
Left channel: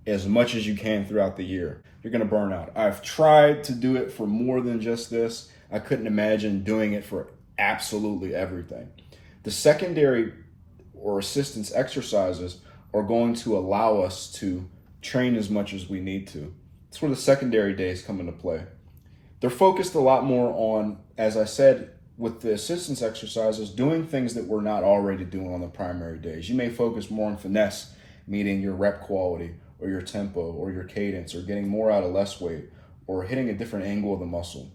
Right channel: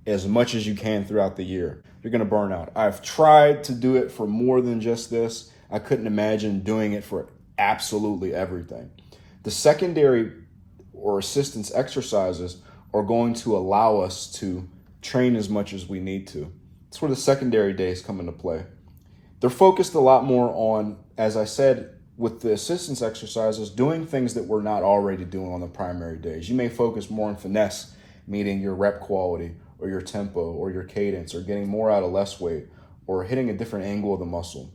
as much as you can throughout the year. You're going to burn out. I've tried to do it for more than just this. I couldn't imagine doing it for absolutely everything. The secondary or assistance exercises are going to allow us to train as much as we need to. That's where the secondary days come into play. They're focused a lot more on, as I said, with the assistance exercises, doing things that we're not already doing on the primary days. You may focus more on finesse, meaning your rep quality or your tempo or your cadence or getting more out of less weight or hitting a different angle of the muscle.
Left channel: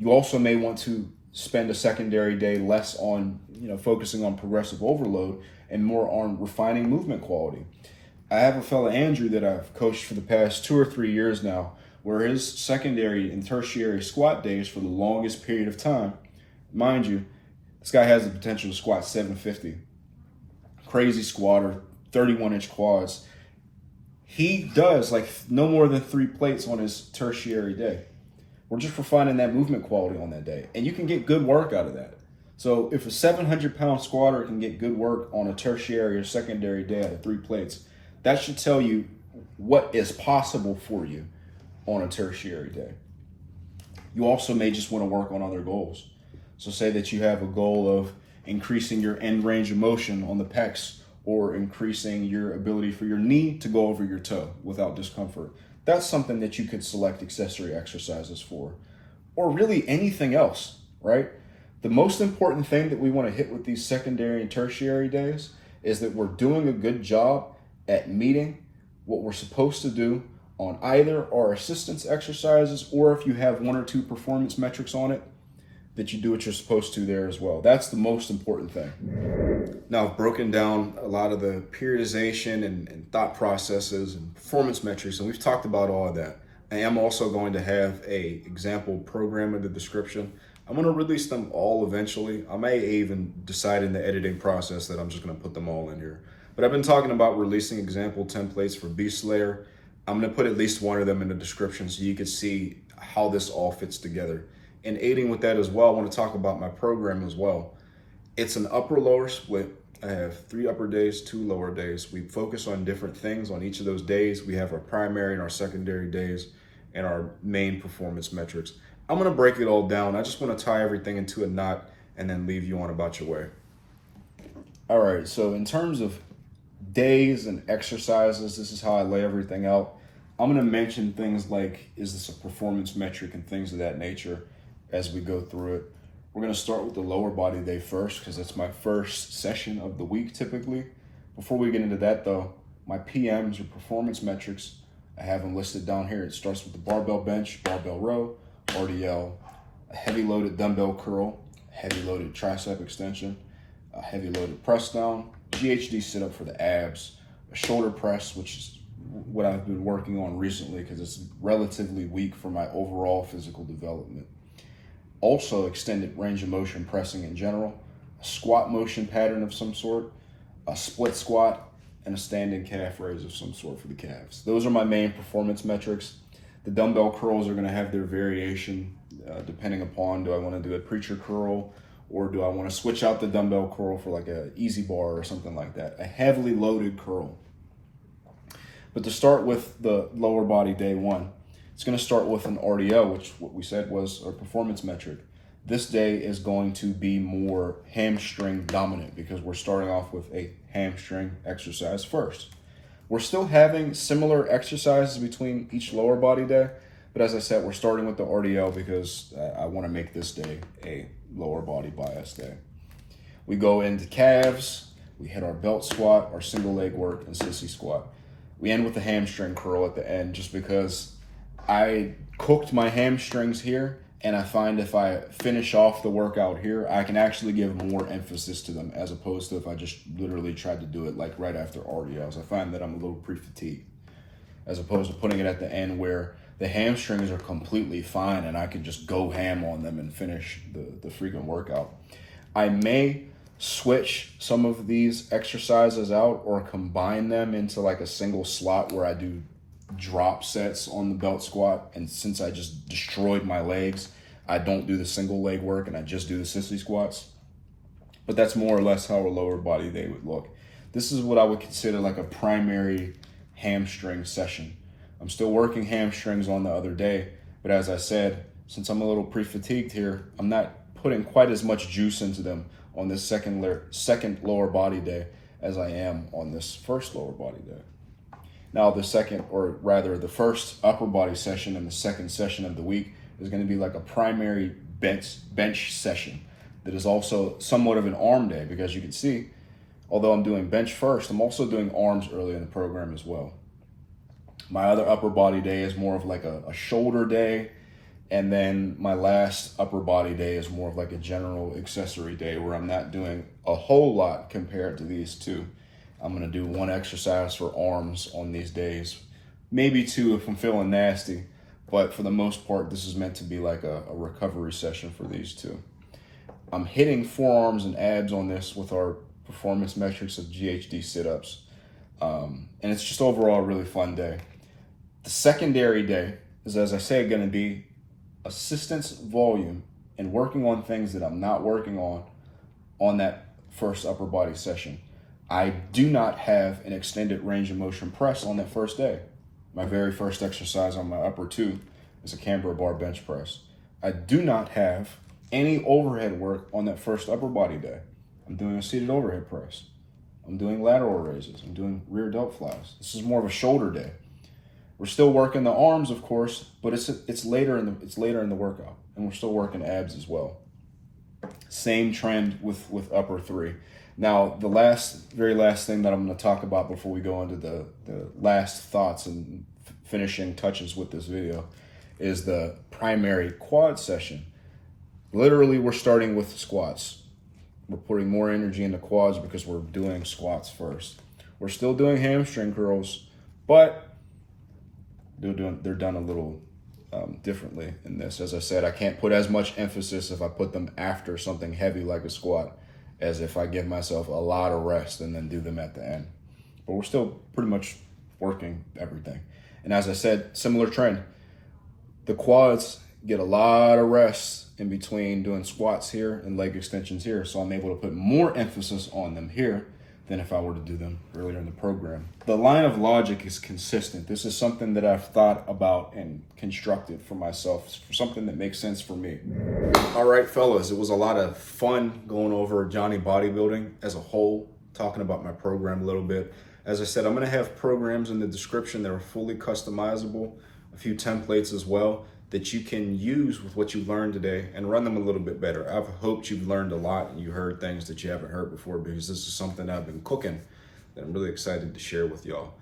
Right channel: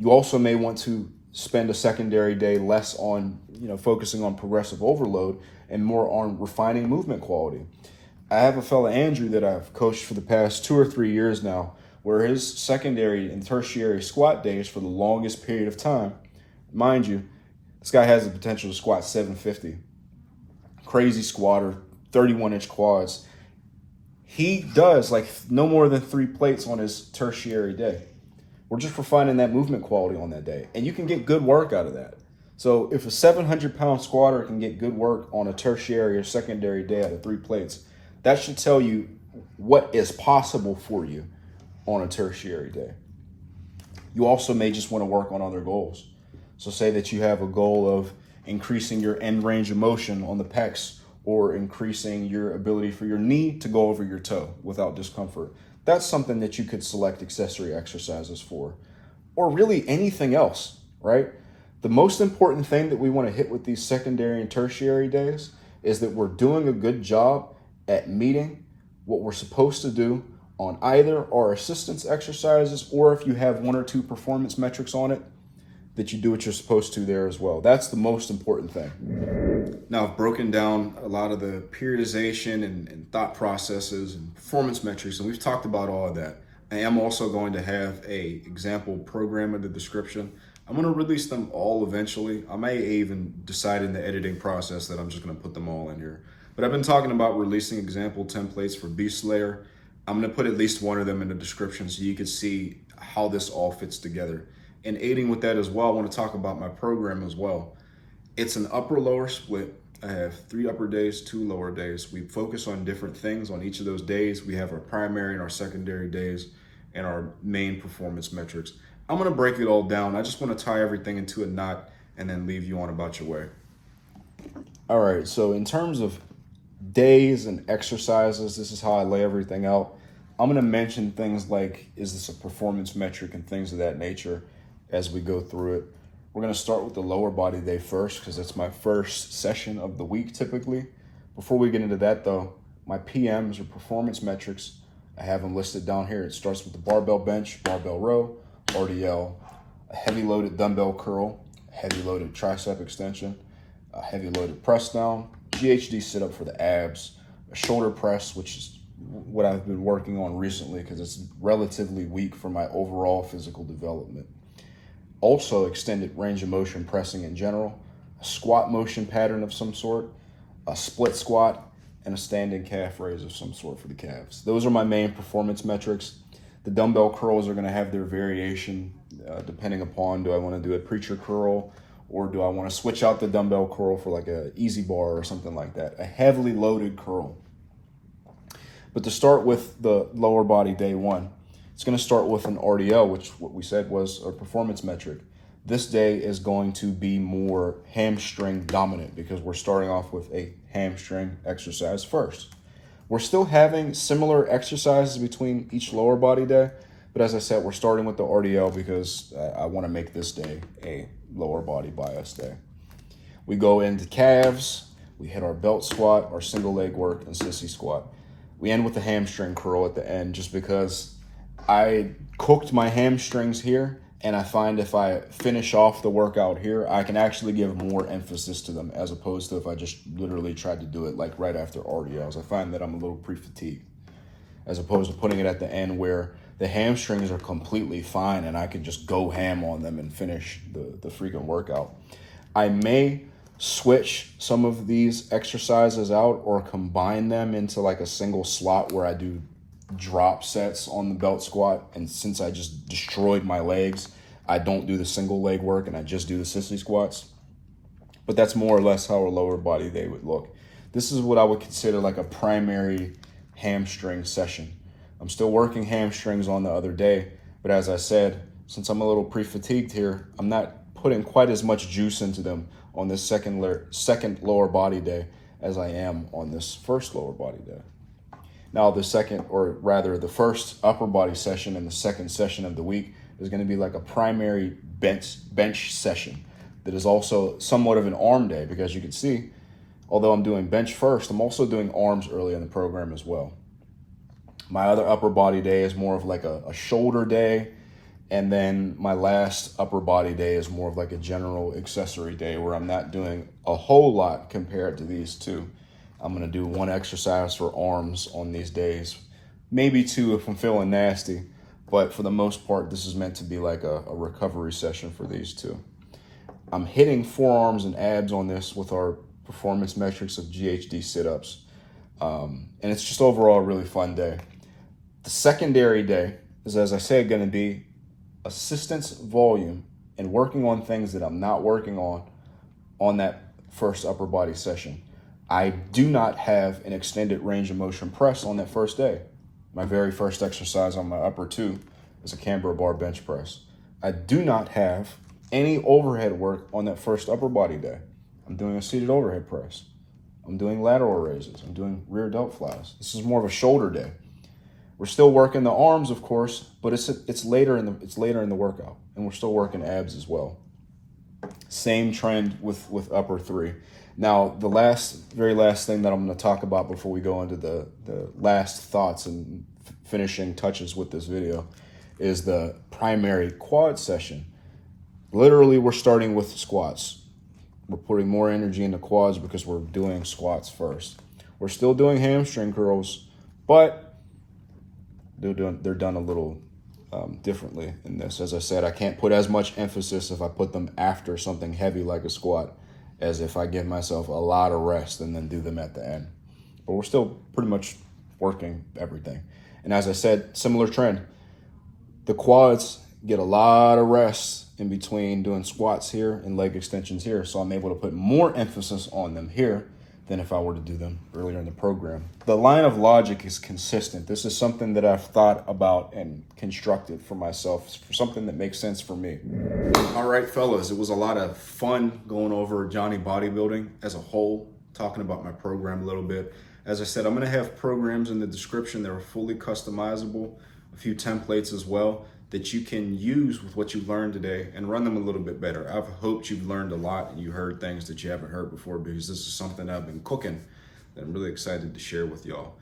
You also may want to spend a secondary day less on, focusing on progressive overload and more on refining movement quality. I have a fella, Andrew, that I've coached for the past 2 or 3 years now, where his secondary and tertiary squat days for the longest period of time, mind you, this guy has the potential to squat 750. Crazy squatter, 31-inch quads. He does like no more than 3 plates on his tertiary day. We're just refining that movement quality on that day. And you can get good work out of that. So if a 700-pound squatter can get good work on a tertiary or secondary day out of 3 plates, that should tell you what is possible for you on a tertiary day. You also may just want to work on other goals. So say that you have a goal of increasing your end range of motion on the pecs or increasing your ability for your knee to go over your toe without discomfort. That's something that you could select accessory exercises for, or really anything else, right? The most important thing that we want to hit with these secondary and tertiary days is that we're doing a good job at meeting what we're supposed to do on either our assistance exercises, or if you have 1 or 2 performance metrics on it, that you do what you're supposed to there as well. That's the most important thing. Now, I've broken down a lot of the periodization and thought processes and performance metrics, and we've talked about all of that. I am also going to have a example program in the description. I'm going to release them all eventually. I may even decide in the editing process that I'm just going to put them all in here. But I've been talking about releasing example templates for Beast Slayer. I'm going to put at least one of them in the description so you can see how this all fits together. And aiding with that as well, I want to talk about my program as well. It's an upper-lower split. I have 3 upper days, 2 lower days. We focus on different things on each of those days. We have our primary and our secondary days and our main performance metrics. I'm going to break it all down. I just want to tie everything into a knot and then leave you on about your way. All right, so in terms of days and exercises, this is how I lay everything out. I'm going to mention things like, is this a performance metric and things of that nature as we go through it. We're going to start with the lower body day first because it's my first session of the week typically. Before we get into that though, my PMs or performance metrics, I have them listed down here. It starts with the barbell bench, barbell row, RDL, a heavy loaded dumbbell curl, heavy loaded tricep extension, a heavy loaded press down, GHD sit up for the abs, a shoulder press, which is what I've been working on recently because it's relatively weak for my overall physical development. Also extended range of motion pressing in general, a squat motion pattern of some sort, a split squat, and a standing calf raise of some sort for the calves. Those are my main performance metrics. The dumbbell curls are going to have their variation depending upon, do I want to do a preacher curl or do I want to switch out the dumbbell curl for like a easy bar or something like that, a heavily loaded curl. But to start with the lower body day one, it's going to start with an RDL, which what we said was a performance metric. This day is going to be more hamstring dominant because we're starting off with a hamstring exercise first. We're still having similar exercises between each lower body day, but as I said, we're starting with the RDL because I want to make this day a lower body bias day. We go into calves, we hit our belt squat, our single leg work, and sissy squat. We end with the hamstring curl at the end just because I cooked my hamstrings here, and I find if I finish off the workout here, I can actually give more emphasis to them as opposed to if I just literally tried to do it like right after RDLs. I find that I'm a little pre-fatigued as opposed to putting it at the end where the hamstrings are completely fine and I could just go ham on them and finish the freaking workout. I may switch some of these exercises out or combine them into like a single slot where I do drop sets on the belt squat, and since I just destroyed my legs, I don't do the single leg work and I just do the sissy squats. But that's more or less how a lower body day would look. This is what I would consider like a primary hamstring session. I'm still working hamstrings on the other day, but as I said, since I'm a little pre-fatigued here, I'm not putting quite as much juice into them on this second lower body day as I am on this first lower body day. Now the second, or rather the first upper body session and the second session of the week is going to be like a primary bench session that is also somewhat of an arm day because you can see, although I'm doing bench first, I'm also doing arms early in the program as well. My other upper body day is more of like a shoulder day, and then my last upper body day is more of like a general accessory day where I'm not doing a whole lot compared to these two. I'm going to do 1 exercise for arms on these days, maybe 2 if I'm feeling nasty, but for the most part, this is meant to be like a recovery session for these 2. I'm hitting forearms and abs on this with our performance metrics of GHD sit-ups, and it's just overall a really fun day. The secondary day is, as I said, going to be assistance volume and working on things that I'm not working on that first upper body session. I do not have an extended range of motion press on that first day. My very first exercise on my upper 2 is a Canberra bar bench press. I do not have any overhead work on that first upper body day. I'm doing a seated overhead press. I'm doing lateral raises. I'm doing rear delt flies. This is more of a shoulder day. We're still working the arms, of course, but it's later in the workout, and we're still working abs as well. Same trend with upper 3. Now, the very last thing that I'm going to talk about before we go into the last thoughts and finishing touches with this video is the primary quad session. literally we're starting with squats. We're putting more energy into quads because we're doing squats first. We're still doing hamstring curls, but they're done a little differently in this. As I said, I can't put as much emphasis if I put them after something heavy like a squat as if I give myself a lot of rest and then do them at the end. But we're still pretty much working everything. And as I said, similar trend. The quads get a lot of rest in between doing squats here and leg extensions here. So I'm able to put more emphasis on them here than if I were to do them earlier in the program. The line of logic is consistent. This is something that I've thought about and constructed for myself, for something that makes sense for me. All right, fellas, it was a lot of fun going over Johnny Bodybuilding as a whole, talking about my program a little bit. As I said, I'm gonna have programs in the description that are fully customizable, a few templates as well that you can use with what you learned today and run them a little bit better. I've hoped you've learned a lot and you heard things that you haven't heard before, because this is something I've been cooking that I'm really excited to share with y'all.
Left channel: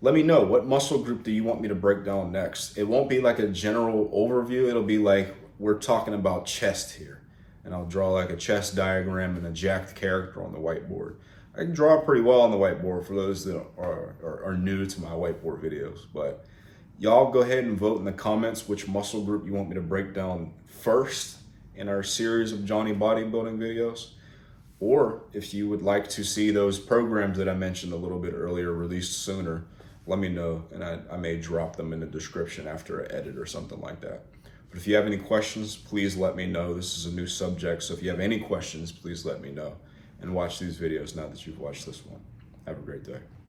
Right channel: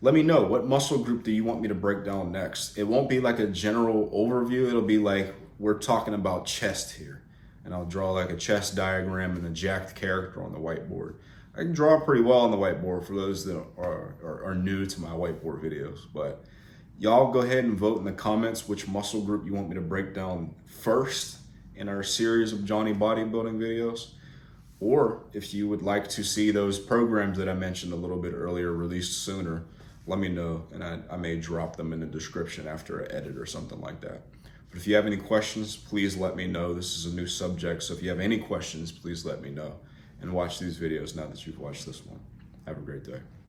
Let me know, what muscle group do you want me to break down next? It won't be like a general overview. It'll be like we're talking about chest here, and I'll draw like a chest diagram and a jacked character on the whiteboard. I can draw pretty well on the whiteboard for those that are new to my whiteboard videos, but y'all go ahead and vote in the comments which muscle group you want me to break down first in our series of Johnny Bodybuilding videos. Or if you would like to see those programs that I mentioned a little bit earlier released sooner, let me know, and I may drop them in the description after I edit or something like that. But if you have any questions, please let me know. This is a new subject, so if you have any questions, please let me know. And watch these videos now that you've watched this one. Have a great day.